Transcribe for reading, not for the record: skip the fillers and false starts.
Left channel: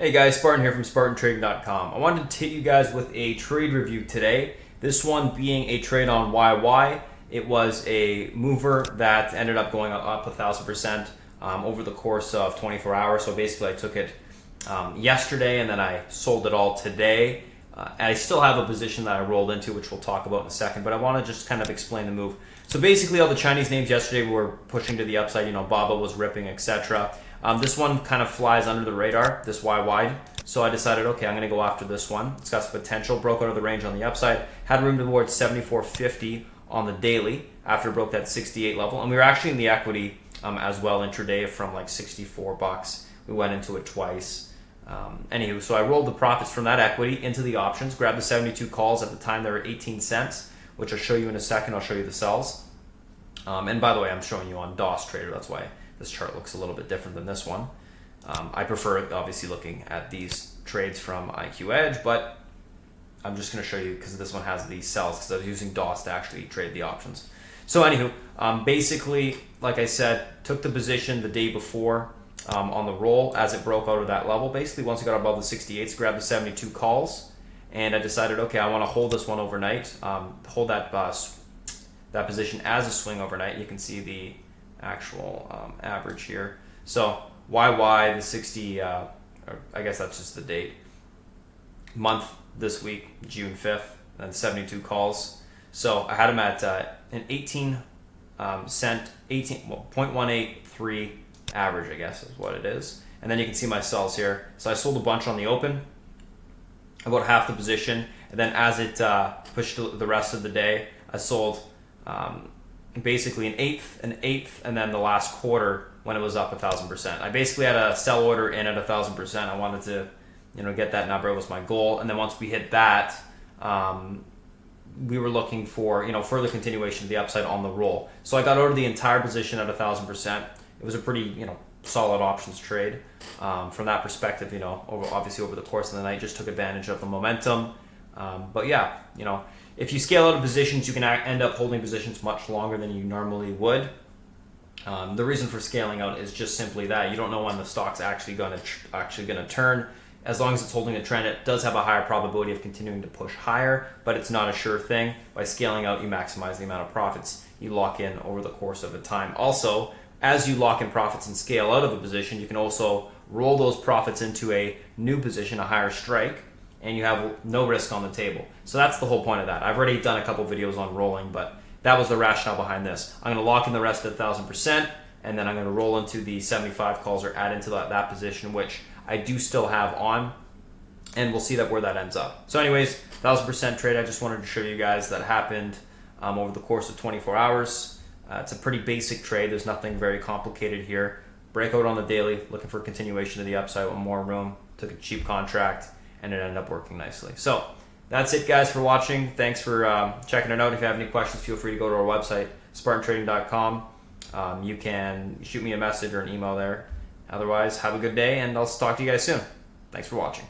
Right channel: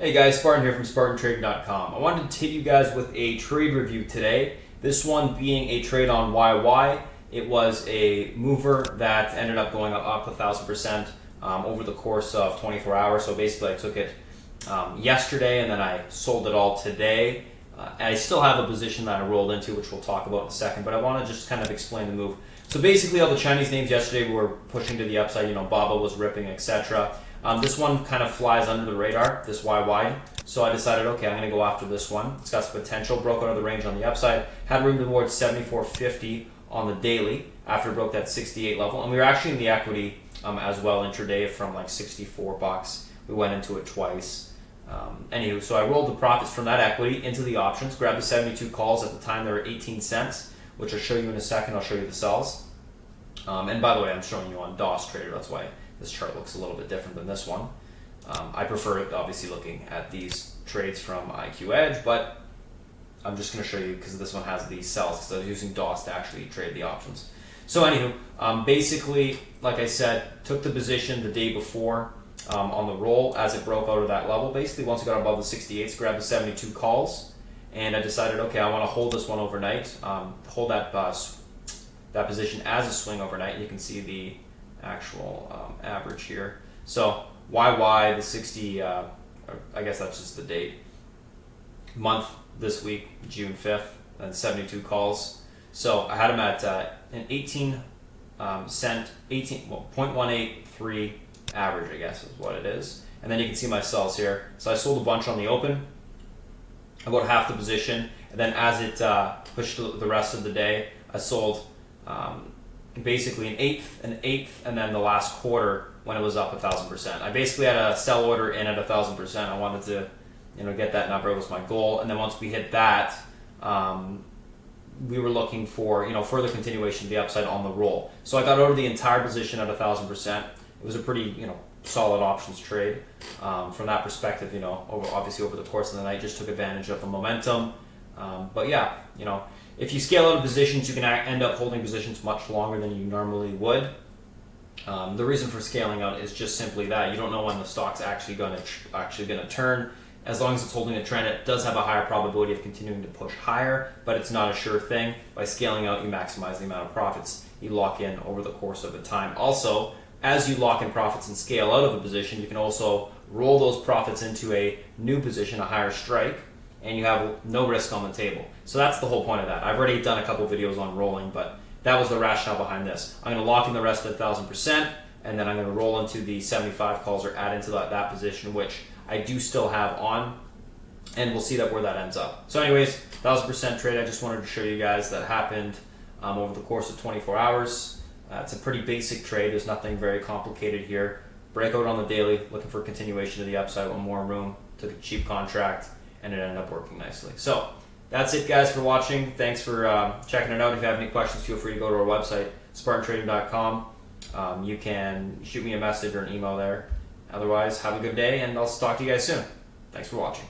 Hey guys, Spartan here from SpartanTrading.com. I wanted to hit you guys with a trade review today. This one being a trade on YY. It was a mover that ended up going up 1,000% over the course of 24 hours. So basically I took it yesterday and then I sold it all today. I still have a position that I rolled into, which we'll talk about in a second, but I want to just kind of explain the move. So basically all the Chinese names yesterday were pushing to the upside, you know, Baba was ripping, etc. This one kind of flies under the radar, this YY. So I decided, okay, I'm going to go after this one. It's got some potential, broke out of the range on the upside, had room towards 74.50 on the daily after it broke that 68 level. And we were actually in the equity as well intraday from like 64 bucks. We went into it twice. Anywho, so I rolled the profits from that equity into the options, grabbed the 72 calls. At the time, they were 18 cents, which I'll show you in a second. I'll show you the sells. And by the way, I'm showing you on DOS Trader. That's why this chart looks a little bit different than this one. I prefer obviously looking at these trades from IQ Edge, but I'm just going to show you because this one has these sells because I was using DOS to actually trade the options. So anywho, basically, like I said, took the position the day before on the roll as it broke out of that level. Basically, once it got above the 68s, grabbed the 72 calls, and I decided, okay, I want to hold this one overnight, hold that position as a swing overnight. You can see the actual average here. So YY, the 60, I guess that's just the date. Month this week, June 5th, and 72 calls. So I had them at an 18 cent, 0.183 average, I guess is what it is. And then you can see my sells here. So I sold a bunch on the open, about half the position, and then as it pushed the rest of the day, I sold basically an eighth, and then the last quarter when it was up 1,000%. I basically had a sell order in at 1,000%. I wanted to, get that number. It was my goal. And then once we hit that, we were looking for, further continuation of the upside on the roll. So I got out of the entire position at 1,000%. It was a pretty, solid options trade from that perspective. Obviously over the course of the night, just took advantage of the momentum. But yeah, if you scale out of positions, you can end up holding positions much longer than you normally would. The reason for scaling out is just simply that you don't know when the stock's actually going to turn. As long as it's holding a trend, it does have a higher probability of continuing to push higher, but it's not a sure thing. By scaling out, you maximize the amount of profits you lock in over the course of a time. Also, as you lock in profits and scale out of a position, you can also roll those profits into a new position, a higher strike, and you have no risk on the table. So that's the whole point of that. I've already done a couple videos on rolling, but that was the rationale behind this. I'm going to lock in the rest at 1,000%, and then I'm going to roll into the 75 calls or add into that position, which I do still have on, and we'll see where that ends up. So anyways, 1,000% trade. I just wanted to show you guys that happened over the course of 24 hours. It's a pretty basic trade. There's nothing very complicated here. Breakout on the daily, looking for continuation to the upside, one more room, took a cheap contract, and it ended up working nicely. So that's it, guys, for watching. Thanks for checking it out. If you have any questions, feel free to go to our website, SpartanTrading.com. You can shoot me a message or an email there. Otherwise, have a good day, and I'll talk to you guys soon. Thanks for watching.